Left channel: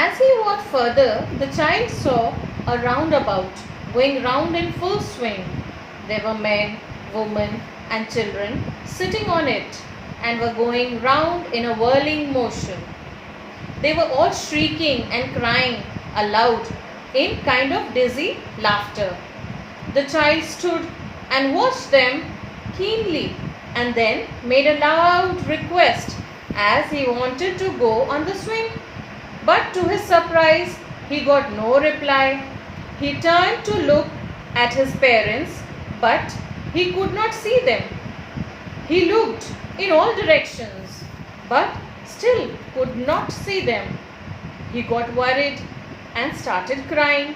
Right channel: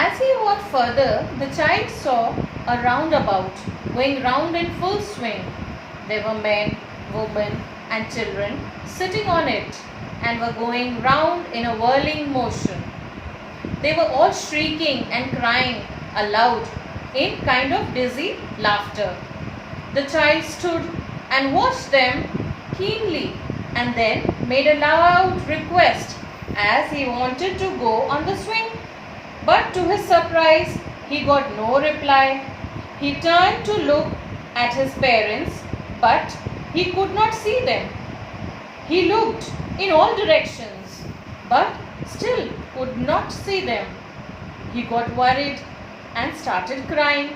As he walked further, the child saw a roundabout going round in full swing. There were men, women, and children sitting on it and were going round in a whirling motion. They were all shrieking and crying aloud in kind of dizzy laughter. The child stood and watched them keenly and then made a loud request as he wanted to go on the swing. But to his surprise, he got no reply. He turned to look at his parents, but he could not see them. He looked in all directions, but still could not see them. He got worried and started crying.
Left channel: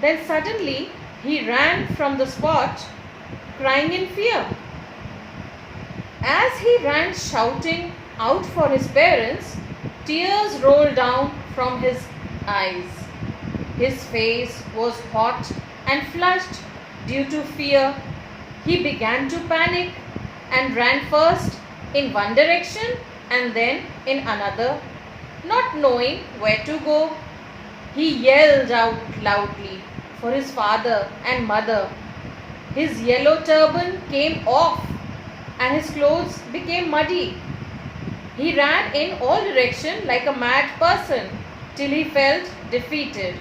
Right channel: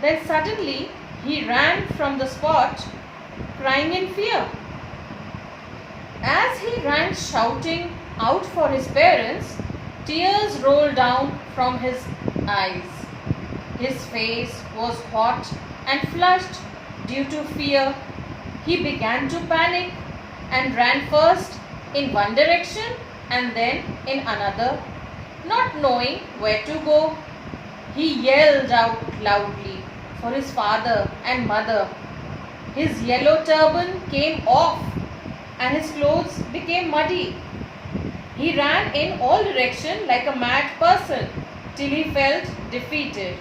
Then suddenly he ran from the spot, crying in fear. As he ran shouting out for his parents, tears rolled down from his eyes. His face was hot and flushed due to fear. He began to panic and ran first in one direction and then in another, not knowing where to go. He yelled out loudly for his father and mother. His yellow turban came off and his clothes became muddy. He ran in all directions like a mad person till he felt defeated.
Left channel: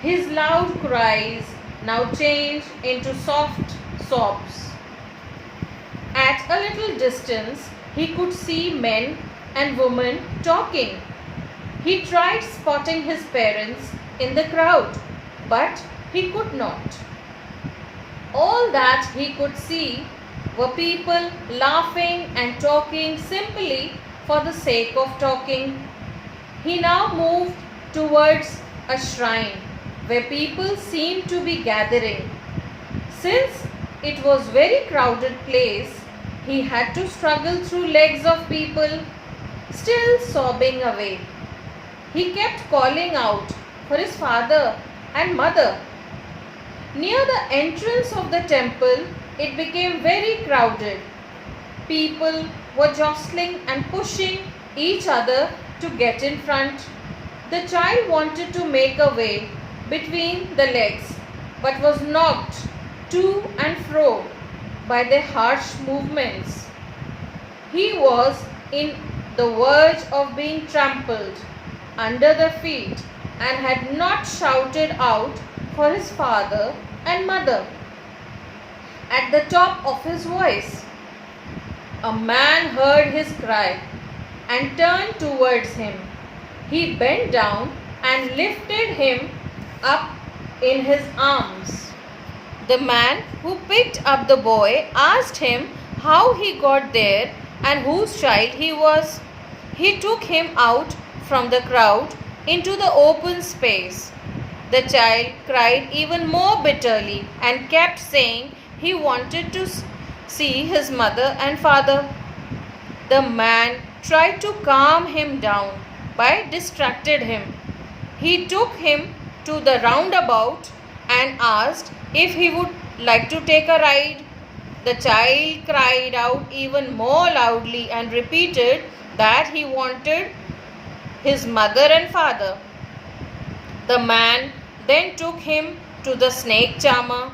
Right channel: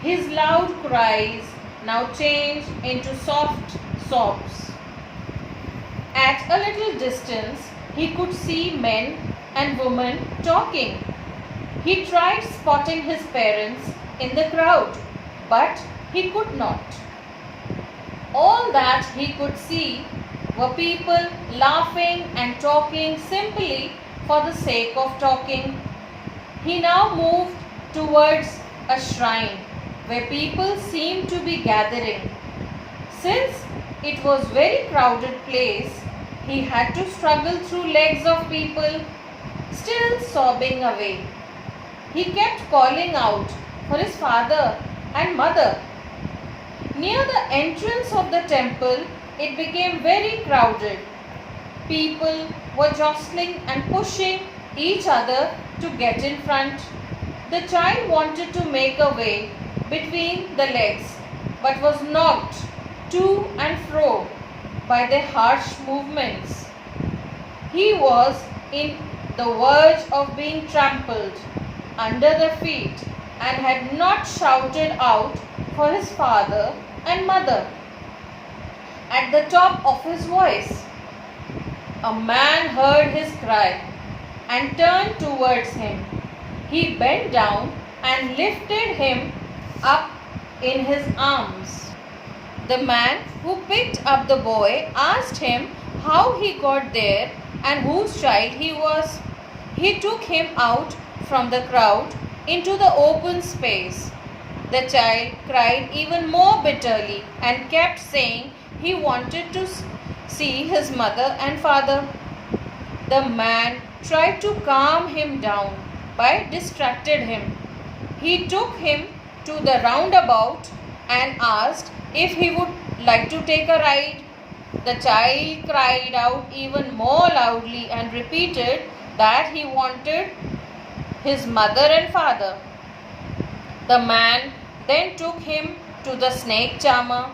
His loud cries now changed into soft sobs. At a little distance, he could see men and women talking. He tried spotting his parents in the crowd, but he could not. All that he could see were people laughing and talking simply for the sake of talking. He now moved towards a shrine where people seemed to be gathering. Since it was a very crowded place, he had to struggle through legs of people, still sobbing away. He kept calling out for his father and mother. Near the entrance of the temple, it became very crowded. People were jostling and pushing each other to get in front. The child wanted to make a way between the legs, but was knocked to and fro by their harsh movements. He was in the verge of being trampled under the feet and had not shouted out for his father and mother at the top of his voice. A man heard his cry and turned towards him. He bent down and lifted him up in his arms. The man who picked up the boy asked him how he got there and whose child he was. He took him out from the crowd into the open space. The child cried even more bitterly and kept saying he wanted to see his mother and father. The man tried to calm him down by distracted him. He took him to the roundabout and asked if he would like to take a ride. The child cried out even more loudly and repeated that he wanted his mother and father. The man then took him to the snake charmer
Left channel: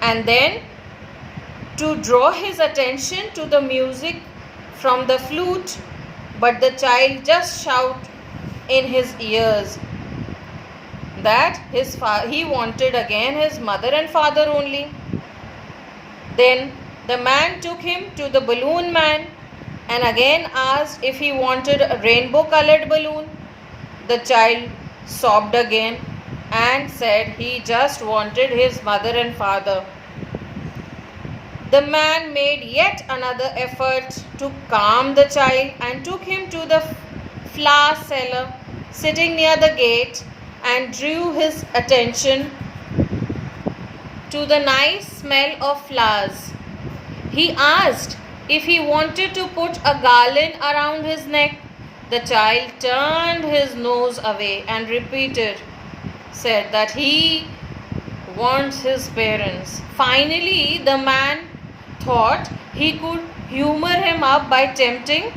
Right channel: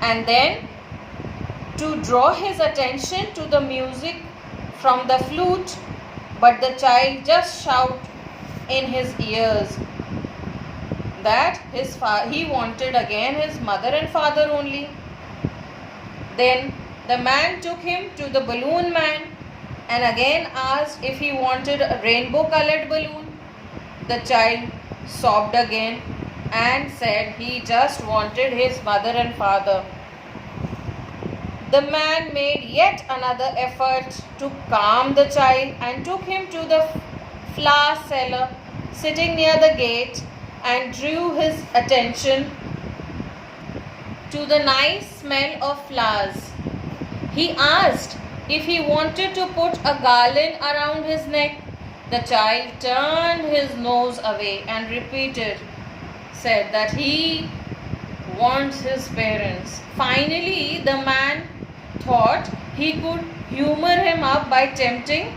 and then to draw his attention to the music from the flute, but the child just shouted in his ears that he wanted again his mother and father only. Then the man took him to the balloon man and again asked if he wanted a rainbow colored balloon. The child sobbed again and said he just wanted his mother and father. The man made yet another effort to calm the child and took him to the flower seller sitting near the gate and drew his attention to the nice smell of flowers. He asked if he wanted to put a garland around his neck. The child turned his nose away and said that he wants his parents. Finally, the man thought he could humor him up by tempting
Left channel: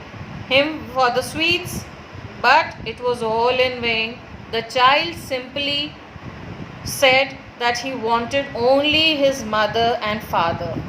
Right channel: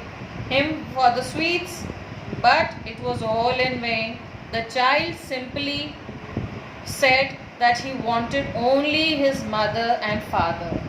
him for the sweets. But it was all in vain. The child simply said that he wanted only his mother and father.